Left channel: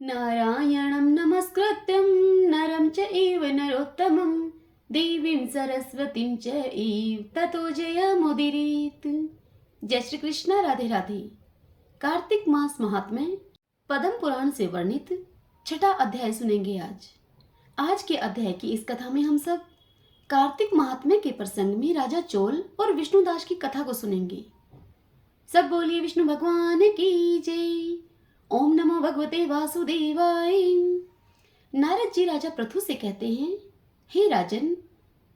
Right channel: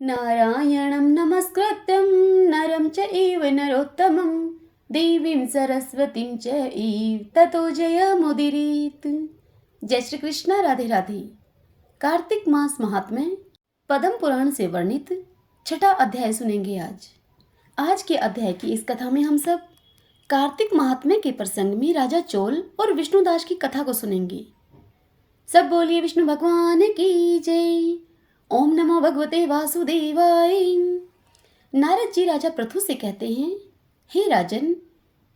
नारायणं नमस्कृत्यं नरं चैव नरोत्तमं देवीं सरस्वतीं चैव ततो जयमुदीरयेत्। जय श्री कृष्ण। राधे राधे। कार्तिक मास महात्म्य पद्म पुराण से वर्णित छठा अध्याय सुनेंगे आज के अध्याय की इस कथा में हम सब कार्तिक महात्म्य के प्रसंग में राजा चोल और विष्णुदास की कथा को सुनेंगे। सब बोलिए विष्णु भगवान की जय। ओम नमो भगवते वासुदेवाय। नारद जी राजा पृथु से कहते हैं, हे राजन,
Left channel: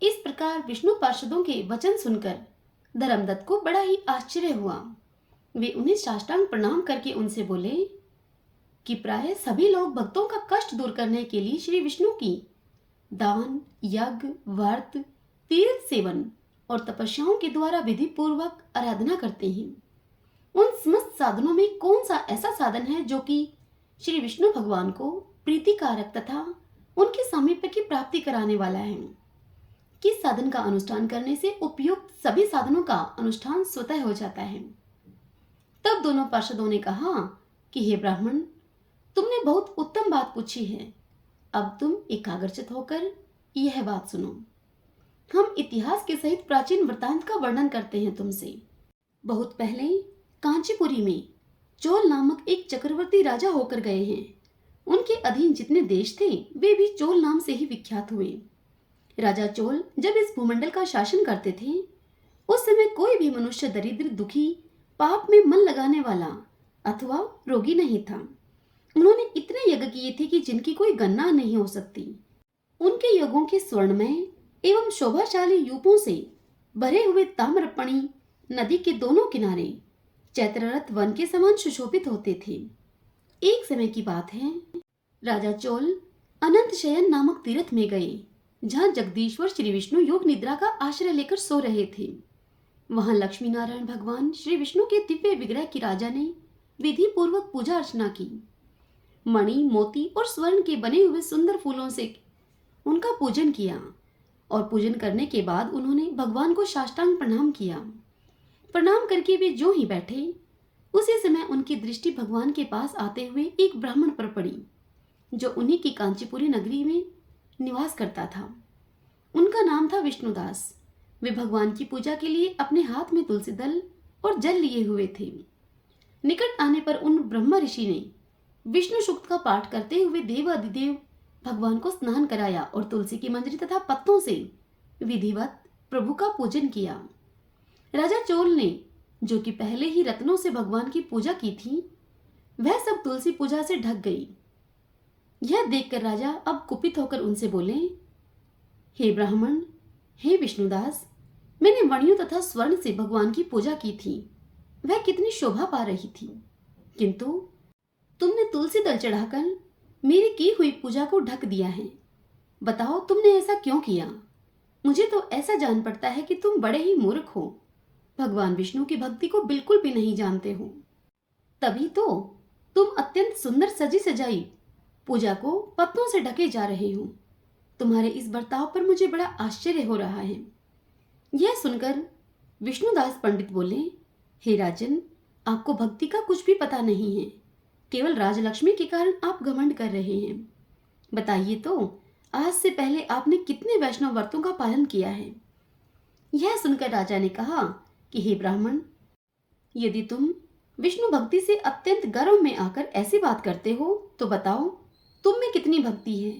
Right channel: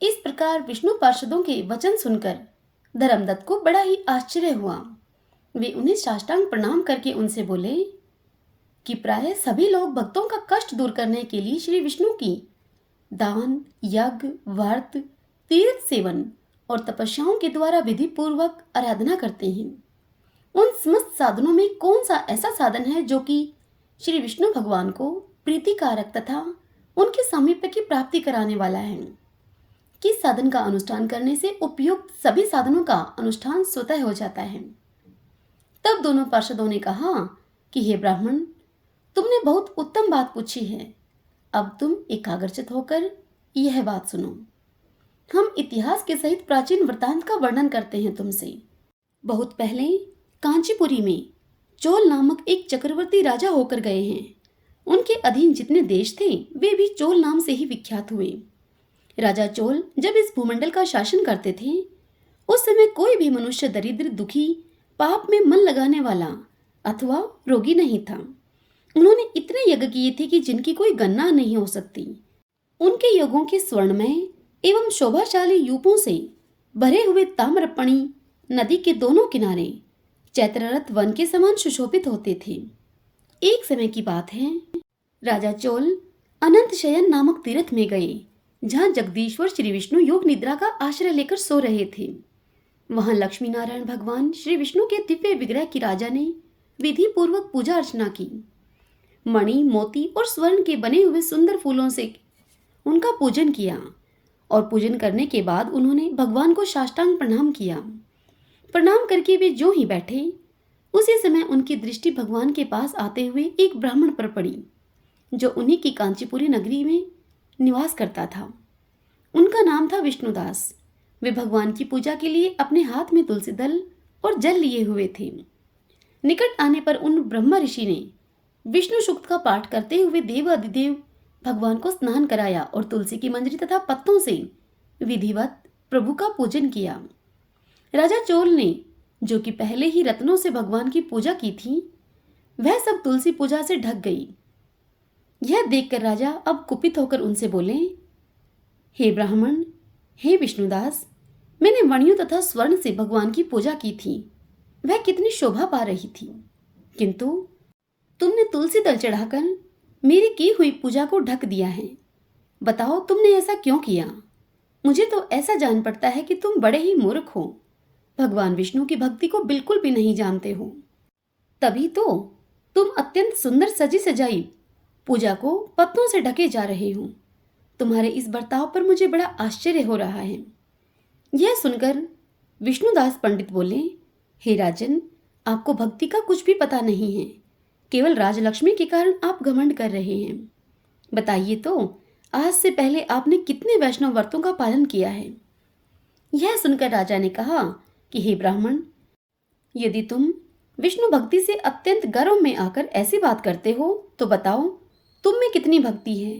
इस प्रकार विष्णु पार्षदों के वचन सुनकर धर्मदत्त को बड़ा ही आश्चर्य हुआ। वे उन्हें साष्टांग प्रणाम करके उनसे बोले कि प्राय सभी लोग भक्तों का कष्ट दूर करने के लिए श्री विष्णु की दान, यज्ञ, व्रत, तीर्थ सेवन और तपस्याओं के द्वारा विधि पूर्वक आराधना करते हैं। उन समस्त साधनों में कौन सा ऐसा साधन है जो कि श्री विष्णु भगवान को प्रीतिकारक तथा उनके सामीप्य की प्राप्ति कराने वाला है? किस साधन का अनुष्ठान करने से उपयुक्त सभी साधनों का अनुष्ठान स्वतः हो जाता है? तब दोनों पार्षदों ने कहा कि हे ब्राह्मण, तुमने बहुत उत्तम बात पूछी है। अब तुम एकाग्रचित होकर यह बात सुनो। हम इतिहास के सहित प्राचीन वृत्तांत का वर्णन करते हैं तुमसे। बहुत पहले कांचीपुरी में चोल नामक एक चक्रवर्ती राजा होकर गए हैं। उनके अधीन जितने देश थे वे भी चोल नाम से ही विख्यात हुए। राजा चोल जब इस भूमंडल का शासन करते थे उस समय कोई भी मनुष्य दरिद्र, दुखी, पाप में मन लगाने वाला अथवा रोगी नहीं था। उन्होंने इतने यज्ञ किए थे कि जिनकी कोई गणना नहीं हो सकती। उनके यज्ञों के स्वर्णमय एवं शोभाशाली यूपों से भरे हुए ताम्रपणी नदी के दोनों किनारे चैत्ररथ वन के समान सुशोभित होते थे। एक समय की बात है, राजा चोल अनंत शयन नामक तीर्थ में गए, जहां जगदीश्वर श्री विष्णु योग निद्रा का आश्रय लेकर सो रहे थे। वहां लक्ष्मी नारायण भगवान श्री विष्णु के दिव्य विग्रह की राजा ने विधि पूर्वक पूजा अर्चना की। मणि, मोती और स्वर्ण के बने हुए सुंदर फूलों से उनका पूजन किया और पूजन करने के बाद उन्होंने भगवान को साष्टांग प्रणाम किया। प्रणाम करके वे जो ही बैठे उसी समय उनकी दृष्टि भगवान के पास आते हुए एक ब्राह्मण पर पड़ी जो उन्हीं की कांचीपुरी नगरी में निवास करता था। उनका नाम था विष्णुदास। वे भगवान की पूजा के लिए अपने हाथ में तुलसी दल और जल लिए हुए थे। निकट आने पर उन ब्रह्मा ऋषि ने विष्णु सूक्त का पाठ करते हुए देवाधिदेव भगवान को स्नान कराया और तुलसी की मंजरी तथा पत्तों से विधिवत प्रभु का पूजन किया। राजा चोल ने, जो कि पहले ही रत्नों से भगवान की पूजा की थी, वह सब तुलसी पूजा से ढक गई। यह देखकर राजा अब कुपित होकर उनसे बोले, हे ब्राह्मण, हे विष्णुदास, मैंने मणियों तथा स्वर्ण से भगवान की पूजा की थी, वह कितनी शोभा पा रही थी, किंतु तुमने तुलसी दल चढ़ाकर मेरी की हुई पूजा को ढक दिया है। बताओ तुमने ऐसा क्यों किया? मुझे तो ऐसा जान पड़ता है कि तुम बड़े ही मूर्ख हो, भगवान विष्णु की भक्ति को बिल्कुल भी नहीं जानते हो। तभी तो तुम अत्यंत सुंदर सजी सजाई पूजा को पत्तों से ढके जा रहे हो। तुम्हारे इस बर्ताव पर मुझे बड़ा आश्चर्य हो रहा है। यह सुनकर विष्णुदास पंडित बोले, हे राजन, आपको भक्ति का कुछ भी पता नहीं है। केवल राजलक्ष्मी के कारण आप घमंड कर रहे हैं। बताइए तो, आज से पहले आपने कितने वैष्णव व्रतों का पालन किया है? यह सुनकर राजा ने कहा कि हे ब्राह्मण, यदि तुम विष्णु भक्ति से अत्यंत गर्व में आकर ऐसी बात करते हो तो बताओ तुम में कितनी भक्ति है?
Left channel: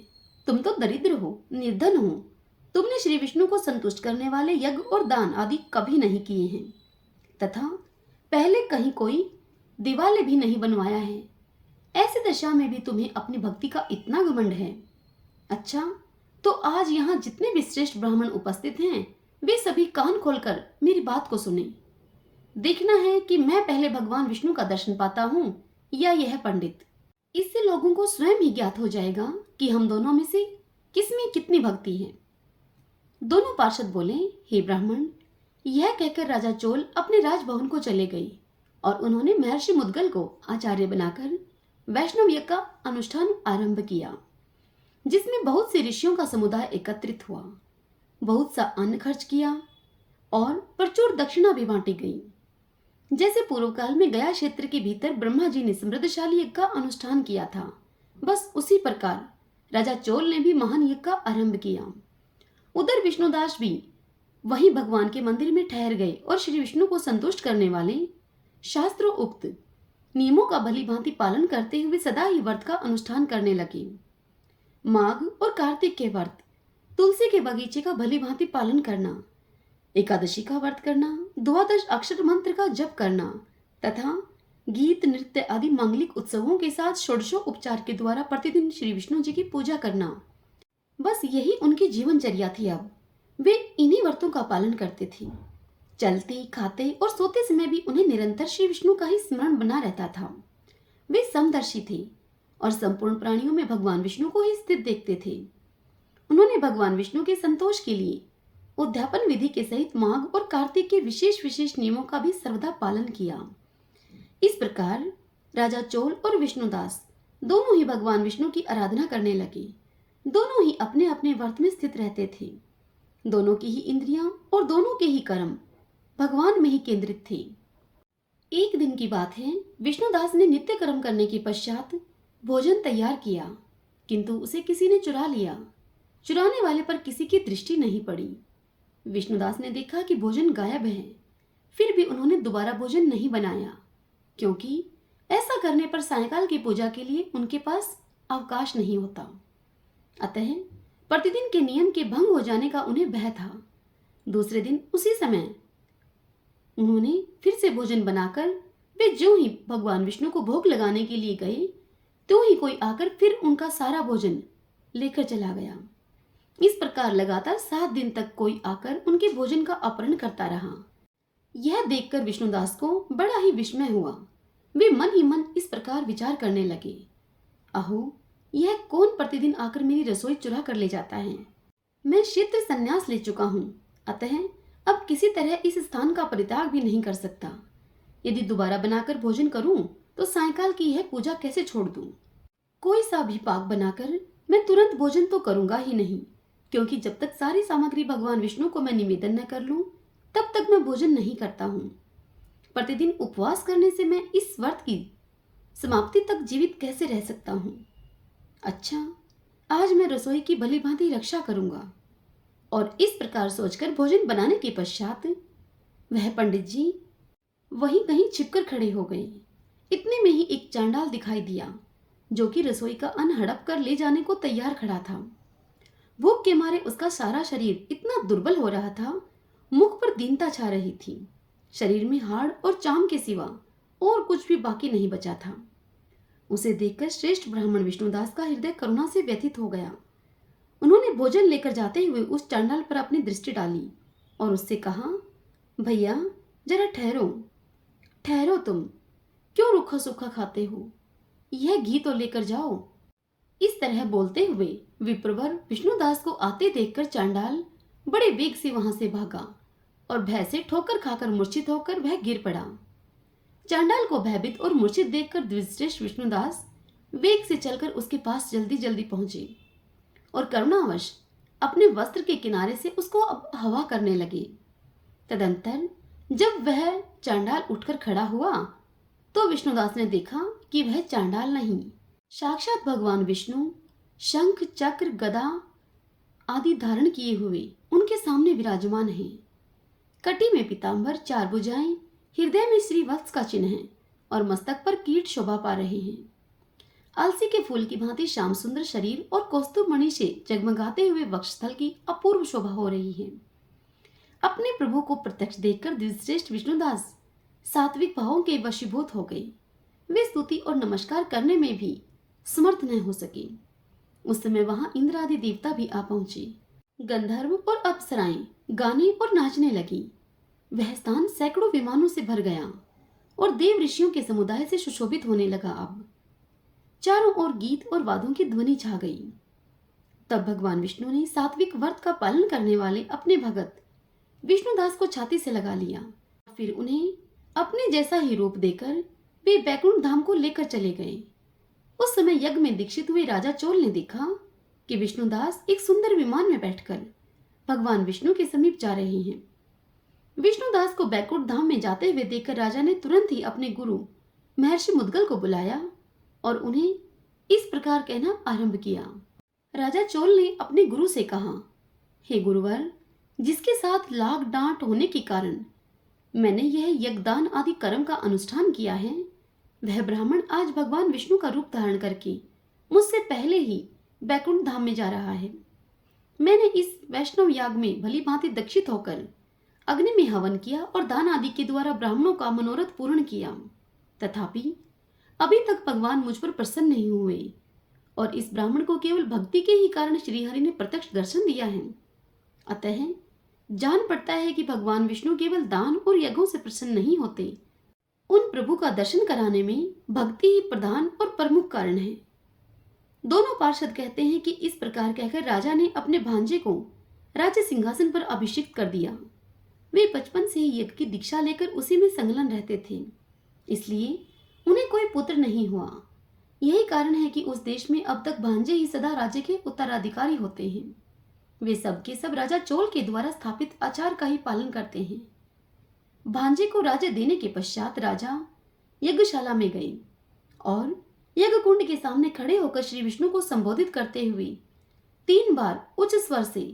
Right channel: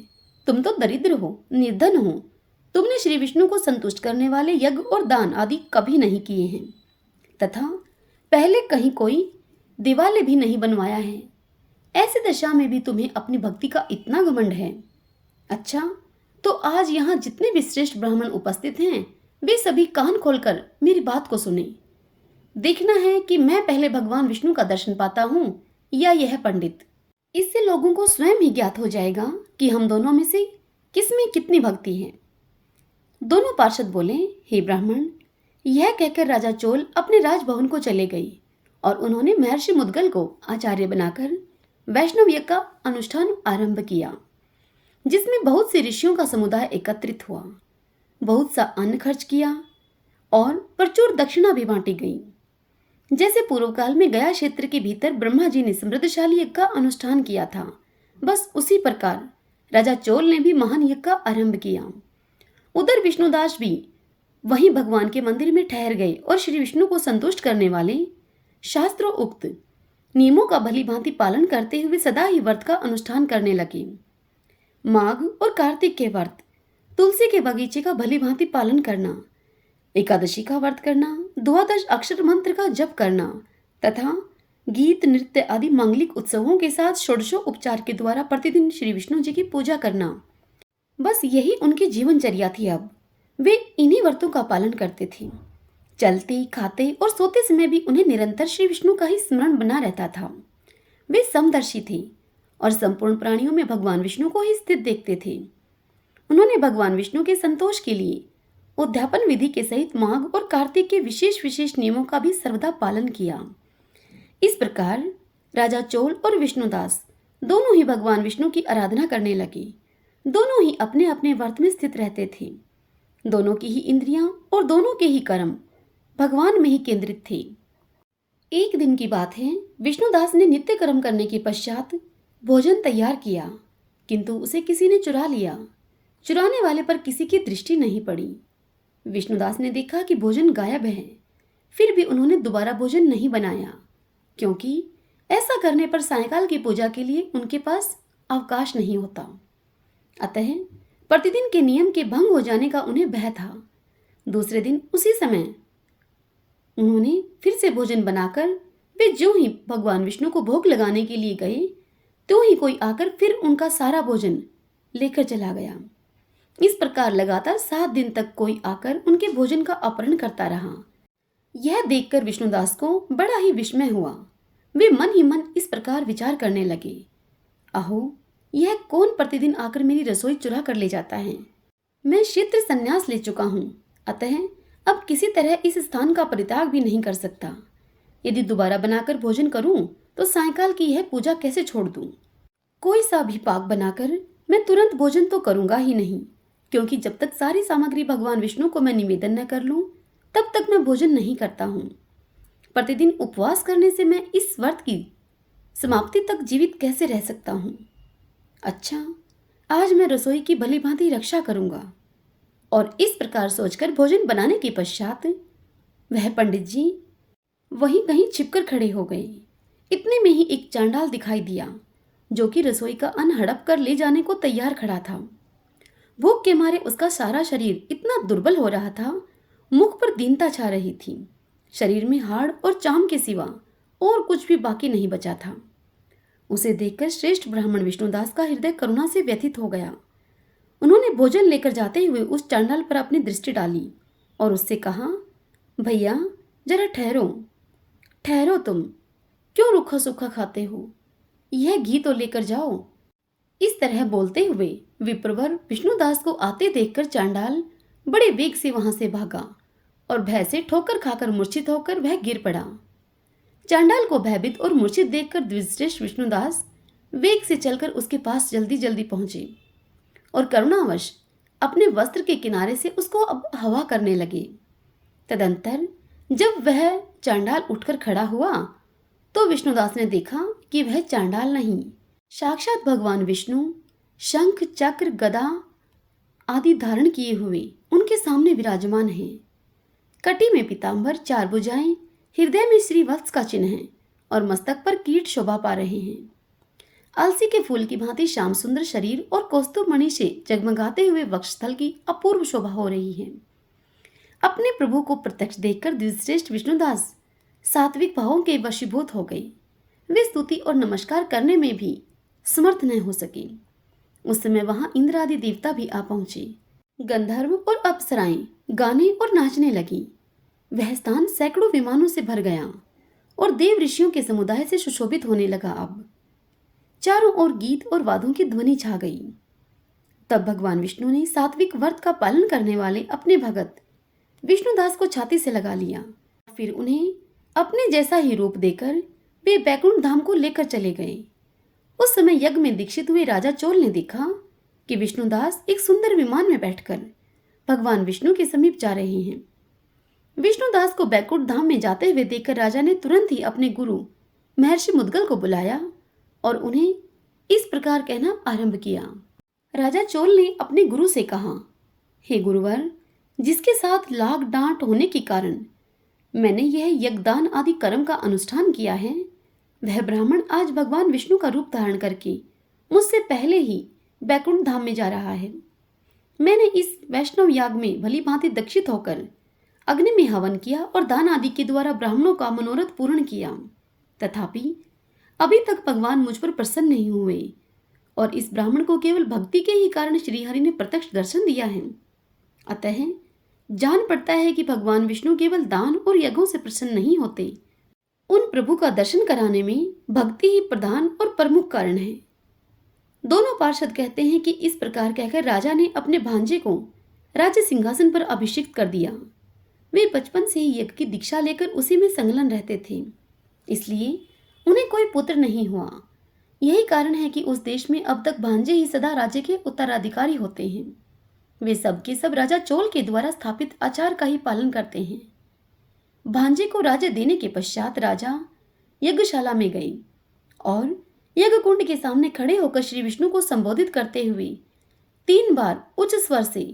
तुम तो दरिद्र हो, निर्धन हो। तुमने श्री विष्णु को संतुष्ट करने वाले यज्ञ और दान आदि कभी नहीं किए हैं तथा पहले कहीं कोई दिवाले भी नहीं बनवाया है। ऐसी दशा में भी तुम्हें अपनी भक्ति का इतना घमंड है। अच्छा, तो आज यहाँ जितने भी श्रेष्ठ ब्राह्मण उपस्थित हैं वे सभी कान खोलकर मेरी बात को सुने। देखना है कि मैं पहले भगवान विष्णु का दर्शन पाता हूँ या यह पंडित। इससे लोगों को स्वयं ही ज्ञात हो जाएगा कि हम दोनों में से किसमें कितनी भक्ति है। दोनों पार्षद बोले, हे ब्राह्मण, यह कहकर राजा चोल अपने राजभवन को चले गए और उन्होंने महर्षि मुद्गल को आचार्य बनाकर वैष्णव यज्ञ का अनुष्ठान आरंभ किया, जिसमें बहुत से ऋषियों का समुदाय एकत्रित हुआ। बहुत सा अन्न खर्च किया और प्रचुर दक्षिणा भी बांटी गई। जैसे पूर्व काल में गया क्षेत्र के भीतर ब्रह्मा जी ने समृद्धशाली यज्ञ का अनुष्ठान किया था, बस उसी प्रकार राजा चोल ने भी महान यज्ञ का आरंभ किया। उधर विष्णुदास भी वहीं भगवान के मंदिर में ठहर गए और श्री विष्णु को संतुष्ट करने वाले शास्त्रों उक्त नियमों का भली भांति पालन करते हुए सदा ही व्रत का अनुष्ठान करने लगे। माघ और कार्तिक के व्रत, तुलसी के बगीचे का भली भांति पालन करना, एकादशी का व्रत करना, द्वादश अक्षर मंत्र का जप करना तथा गीत नृत्य आदि मांगलिक उत्सवों के साथ षोडशों उपचार के द्वारा प्रतिदिन श्री विष्णु जी की पूजा करना, बस यही उनकी जीवनचर्या थी। अब वे इन्हीं व्रतों का पालन करते थे। चलते खाते और सोते समय भी उन्हें निरंतर श्री विष्णु का ही स्मरण बना रहता था। वे समदर्शी थे और संपूर्ण प्राणियों में भगवान विष्णु को ही स्थित देखते थे। उन्होंने भगवान विष्णु के संतोष के लिए उद्यापन विधि के सहित माघ और कार्तिक के विशेष विशेष नियमों का भी सर्वदा पालन किया। इस प्रकार राजा चोल और विष्णुदास दोनों ही भगवान विष्णु की आराधना करने लगे। दोनों ही अपने अपने व्रत में स्थित रहते थे। दोनों की ही इंद्रियां और दोनों के ही कर्म भगवान में ही केंद्रित थे। एक दिन की बात है, विष्णुदास ने नित्य कर्म करने के पश्चात भोजन तैयार किया, किंतु उसे किसी ने चुरा लिया। चुराने वाले पर किसी की दृष्टि नहीं पड़ी। विष्णुदास ने देखा कि भोजन गायब है। फिर भी उन्होंने दोबारा भोजन नहीं बनाया, क्योंकि ऐसा करने पर सायंकाल की पूजा के लिए उनके पास अवकाश नहीं होता। अतः प्रतिदिन के नियम के भंग हो जाने का उन्हें भय था। दूसरे दिन उसी समय उन्होंने फिर से भोजन बनाकर वे जो ही भगवान विष्णु को भोग लगाने के लिए गए, तो ही कोई आकर फिर उनका सारा भोजन लेकर चला गया। इस प्रकार लगातार 7 दिन तक कोई आकर उनके भोजन का अपहरण करता रहा। यह देखकर विष्णुदास को बड़ा ही विस्मय हुआ। वे मन ही मन इस प्रकार विचार करने लगे, अहो, यह कौन प्रतिदिन आकर मेरी रसोई चुरा कर ले जाता है। मैं क्षेत्र संन्यास ले चुका हूँ, अतः अब किसी तरह इस स्थान का परित्याग भी नहीं कर सकता। यदि दोबारा बनाकर भोजन करूं तो सायंकाल की यह पूजा कैसे छोड़ दूं। कोई सा भी पाक बनाकर मैं तुरंत भोजन तो करूंगा ही नहीं, क्योंकि जब तक सारी सामग्री भगवान विष्णु को मैं निवेदन न कर लूं तब तक मैं भोजन नहीं करता हूँ। प्रतिदिन उपवास करने से मैं इस व्रत की समाप्ति तक जीवित कैसे रह सकता हूँ। अच्छा, आज मैं रसोई की भली भांति रक्षा करूंगा। और इस प्रकार सोचकर भोजन बनाने के पश्चात वह पंडित जी वहीं कहीं छिपकर खड़े हो गए। इतने में ही एक चांडाल दिखाई दिया, जो कि रसोई का अन्न हड़प कर ले जाने को तैयार खड़ा था। भूख के मारे उसका सारा शरीर इतना दुर्बल हो रहा था, मुख पर दीनता छा रही थी। शरीर में हाड़ और चाम के सिवा और कुछ भी बाकी नहीं बचा था। उसे देखकर श्रेष्ठ ब्राह्मण विष्णुदास का हृदय करुणा से व्यथित हो गया। उन्होंने भोजन लेकर जाते हुए उस चांडाल पर अपनी दृष्टि डाली और उससे कहा, भैया जरा ठहरो, ठहरो, तुम क्यों रूखा सूखा खाते हो, यह घी तो लेकर जाओ। इस तरह बोलते हुए विप्रवर विष्णुदास को आते देखकर चांडाल बड़े वेग से वहां से भागा और भय से ठोकर खाकर मूर्छित होकर वह गिर पड़ा। चांडाल को भयभीत और मूर्छित देखकर द्विजश्रेष्ठ विष्णुदास वेग से चलकर उसके पास जल्दी जल्दी पहुंचे और करुणावश अपने वस्त्र के किनारे से उसको अब हवा करने लगे। तदंतर जब वह चांडाल उठकर खड़ा हुआ तो विष्णुदास ने देखा कि वह चांडाल नहीं, साक्षात भगवान विष्णु शंख चक्र गदा आदि धारण किए हुए उनके सामने विराजमान है। कटी में पीतांबर, 4 भुजाएं, हृदय में श्री वत्स का चिन्ह है और मस्तक पर कीट शोभा पा रहे हैं। अलसी के फूल की भांति श्याम सुंदर शरीर और कौस्तुभ मणि से जगमगाते हुए वक्षस्थल की अपूर्व शोभा हो रही है। अपने प्रभु को प्रत्यक्ष देखकर द्विजश्रेष्ठ विष्णुदास सात्विक भावों के वशीभूत हो गए। वे स्तुति और नमस्कार करने में भी समर्थ न हो सके। उस समय वहां इंद्र आदि देवता भी आ पहुंचे। गंधर्व और अप्सराएं गाने और नाचने लगी। वह स्थान सैकड़ों विमानों से भर गया और देव ऋषियों के समुदाय से सुशोभित होने लगा। अब चारों ओर गीत और वादों की ध्वनि छा गई। तब भगवान विष्णु ने सात्विक व्रत का पालन करने वाले अपने भगत विष्णुदास को छाती से लगा लिया। फिर उन्हें अपने जैसा ही रूप देकर वे बैकुंठ धाम को लेकर चले गए। उस समय यज्ञ में दीक्षित हुए राजा चोल ने देखा कि विष्णुदास एक सुंदर विमान में बैठकर भगवान विष्णु के समीप जा रहे हैं। विष्णुदास को बैकुंठ धाम में जाते हुए देखकर राजा ने तुरंत ही अपने गुरु महर्षि मुद्गल को बुलाया और उन्हें इस प्रकार कहना आरंभ किया। राजा चोल ने अपने गुरु से कहा, हे गुरुवर, जिसके साथ लाग डांट होने के कारण मैंने यह यज्ञदान आदि कर्म का अनुष्ठान किया है, वह ब्राह्मण आज भगवान विष्णु का रूप धारण करके मुझसे पहले ही बैकुंठ धाम में जा रहा है। मैंने इस वैष्णव याग में भली भांति दक्षित होकर अग्नि में हवन किया और दान आदि के द्वारा ब्राह्मणों का मनोरथ पूर्ण किया, तथापि अभी तक भगवान मुझ पर प्रसन्न नहीं हुए और इस ब्राह्मण को केवल भक्ति के ही कारण श्रीहरि ने प्रत्यक्ष दर्शन दिया है। अतः जान पड़ता है कि भगवान विष्णु केवल दान और यज्ञों से प्रसन्न नहीं होते, उन प्रभु का दर्शन कराने में भक्ति ही प्रधान और प्रमुख कारण है। दोनों पार्षद कहते हैं कि इस प्रकार कहकर राजा ने अपने भांजे को राज्य सिंहासन पर अभिषिक्त कर दिया। वे बचपन से ही यज्ञ की दीक्षा लेकर उसी में संलग्न रहते थे, इसलिए उन्हें कोई पुत्र नहीं हुआ। यही कारण है कि उस देश में अब तक भांजे ही सदा राज्य के उत्तराधिकारी होते हैं। वे सब के सब राजा चोल के द्वारा स्थापित आचार का ही पालन करते हैं। भांजे को राज्य देने के पश्चात राजा यज्ञशाला में गए और यज्ञ कुंड के सामने खड़े होकर श्री विष्णु को संबोधित करते हुए 3 बार उच्च स्वर से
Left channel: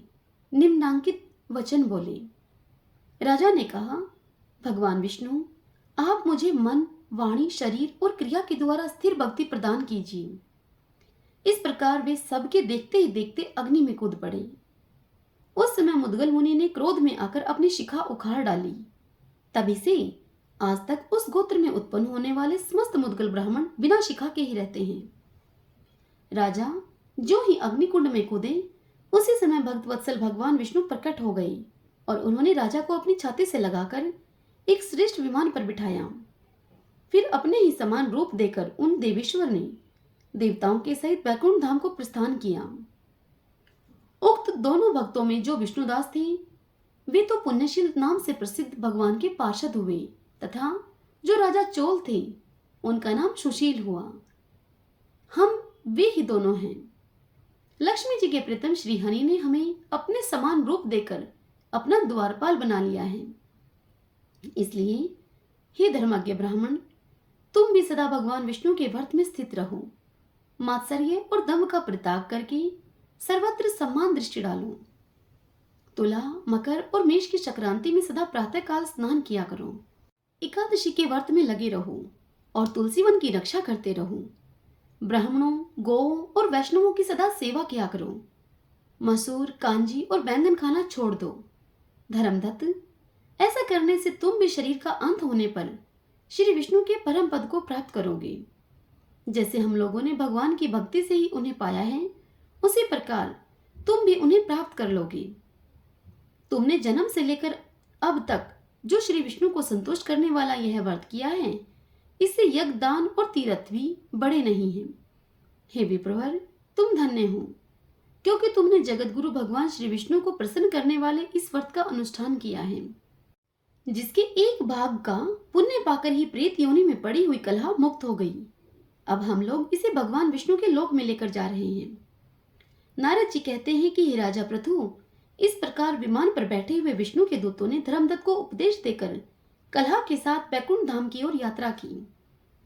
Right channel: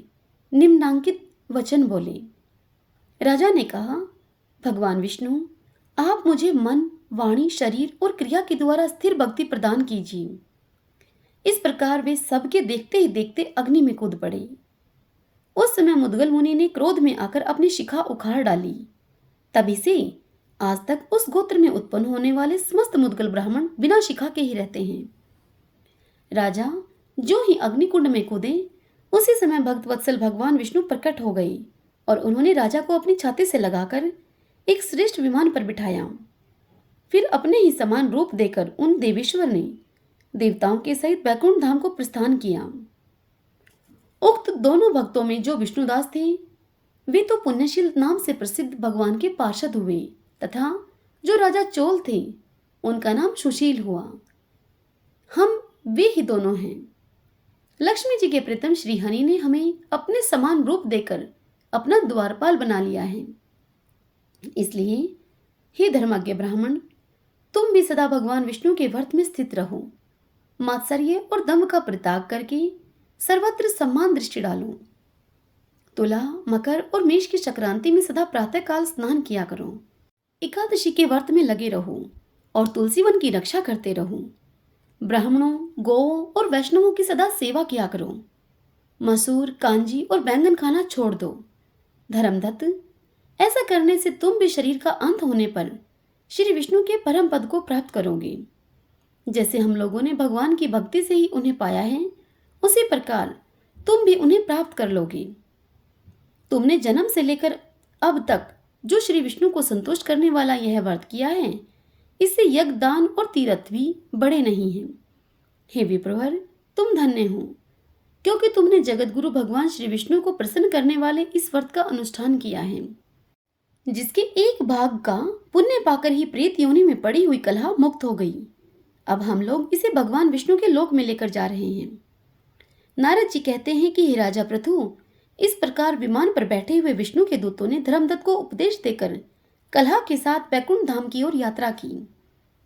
निम्नांकित वचन बोले। राजा ने कहा, भगवान विष्णु, आप मुझे मन, वाणी, शरीर और क्रिया के द्वारा स्थिर भक्ति प्रदान कीजिए। इस प्रकार वे सबके देखते ही देखते अग्नि में कूद पड़े। उस समय मुद्गल मुनि ने क्रोध में आकर अपनी शिखा उखाड़ डाली। तभी से आज तक उस गोत्र में उत्पन्न होने वाले समस्त मुद्गल ब्राह्मण बिना शिखा के ही रहते हैं। राजा जो ही अग्निकुंड में कूदे, उसी समय भक्त वत्सल भगवान विष्णु प्रकट हो गए और उन्होंने राजा को अपनी छाती से लगाकर एक श्रेष्ठ विमान पर बिठाया। फिर अपने ही समान रूप देकर उन देवेश्वर ने देवताओं के सहित बैकुंठ धाम को प्रस्थान किया। उक्त दोनों भक्तों में जो विष्णुदास थे, वे तो पुण्यशील नाम से प्रसिद्ध भगवान के पार्षद हुए, तथा जो राजा चोल थे, उनका नाम सुशील हुआ। हम वे ही दोनों हैं। लक्ष्मी जी के प्रीतम श्रीहरि ने हमें अपने समान रूप देकर अपना द्वारपाल बना लिया है। इसलिए हे धर्मज्ञ ब्राह्मण, तुम भी सदा भगवान विष्णु के व्रत में स्थित रहो। मात्सर्य और दम्भ का परित्याग करके सर्वत्र सम्मान दृष्टि डालो। तुला, मकर और मेष की संक्रांति में सदा प्रातः काल स्नान किया करो। एकादशी के व्रत में लगे रहो और तुलसी वन की रक्षा करते रहो। ब्राह्मणों, गौओं और वैष्णवों की सदा सेवा किया करो। मसूर, कांजी और बैंगन खाना छोड़ दो। धर्मदत्त, ऐसा करने से तुम भी शरीर का अंत होने पर श्री विष्णु के परम पद को प्राप्त करोगे। जैसे हम लोगों ने भगवान की भक्ति से ही उन्हें पाया है, उसी प्रकार तुम भी उन्हें प्राप्त कर लोगे। तुमने जन्म से लेकर अब तक जो श्री विष्णु को संतुष्ट करने वाला यह व्रत किया है, इससे यज्ञ, दान और तीर्थ भी बड़े नहीं हैं। हे विप्रवर, तुम धन्य हो, क्योंकि तुमने जगत गुरु भगवान श्री विष्णु को प्रसन्न करने वाले इस व्रत का अनुष्ठान किया है, जिसके एक भाग का पुण्य पाकर ही प्रेत योनि में पड़ी हुई कलह मुक्त हो गई। अब हम लोग इसे भगवान विष्णु के लोक में लेकर जा रहे हैं। नारद जी कहते हैं कि हे राजा प्रथु, इस प्रकार विमान पर बैठे हुए विष्णु के दूतों ने धर्मदत्त को उपदेश देकर कलह के साथ बैकुंठ धाम की ओर यात्रा की।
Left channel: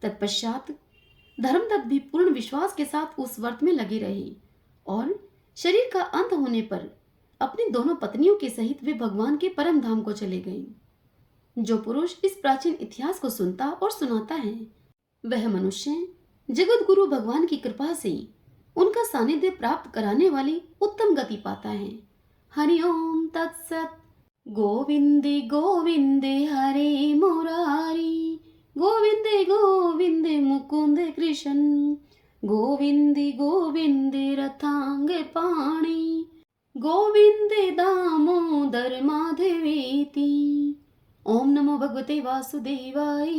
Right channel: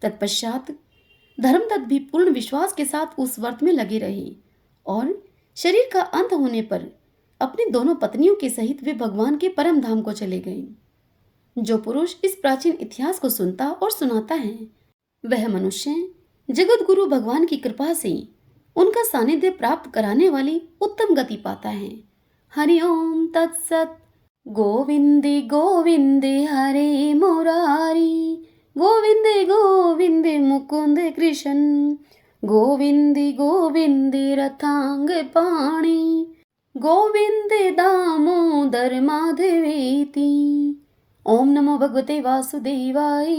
तत्पश्चात धर्मदत्त भी पूर्ण विश्वास के साथ उस व्रत में लगे रहे और शरीर का अंत होने पर अपनी दोनों पत्नियों के सहित वे भगवान के परम धाम को चले गए। जो पुरुष इस प्राचीन इतिहास को सुनता और सुनाता है, वह मनुष्य जगत गुरु भगवान की कृपा से उनका सानिध्य प्राप्त कराने वाली उत्तम गति पाता है। हरि ओम तत्सत। गोविंदे गोविंदे हरे मुरारी, गोविंदे गोविंदे मुकुंद कृष्ण, गोविंदे गोविंदे रथांग पाणी, गोविंदे दामोदर माधवेति। ओम नमो भगवते वासुदेवाय।